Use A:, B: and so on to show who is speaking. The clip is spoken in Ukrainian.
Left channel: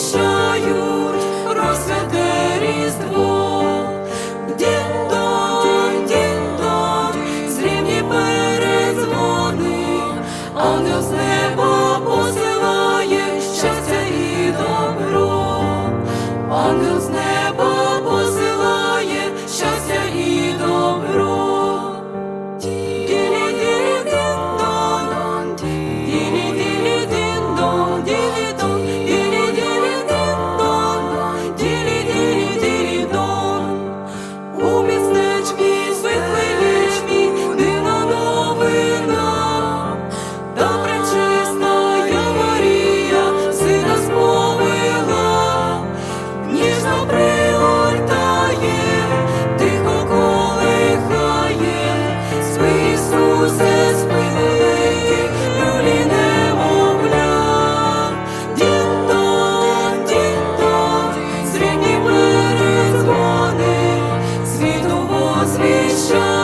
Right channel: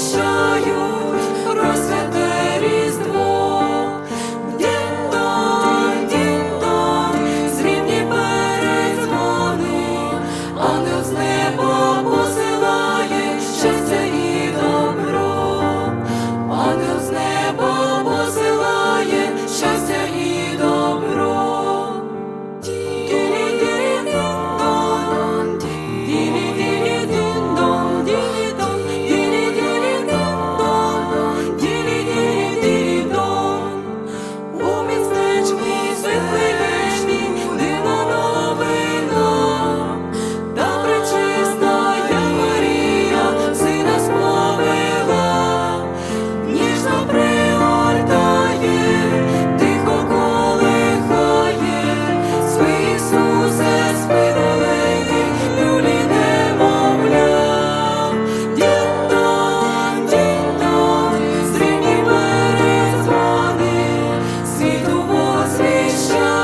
A: возвіщають про strong.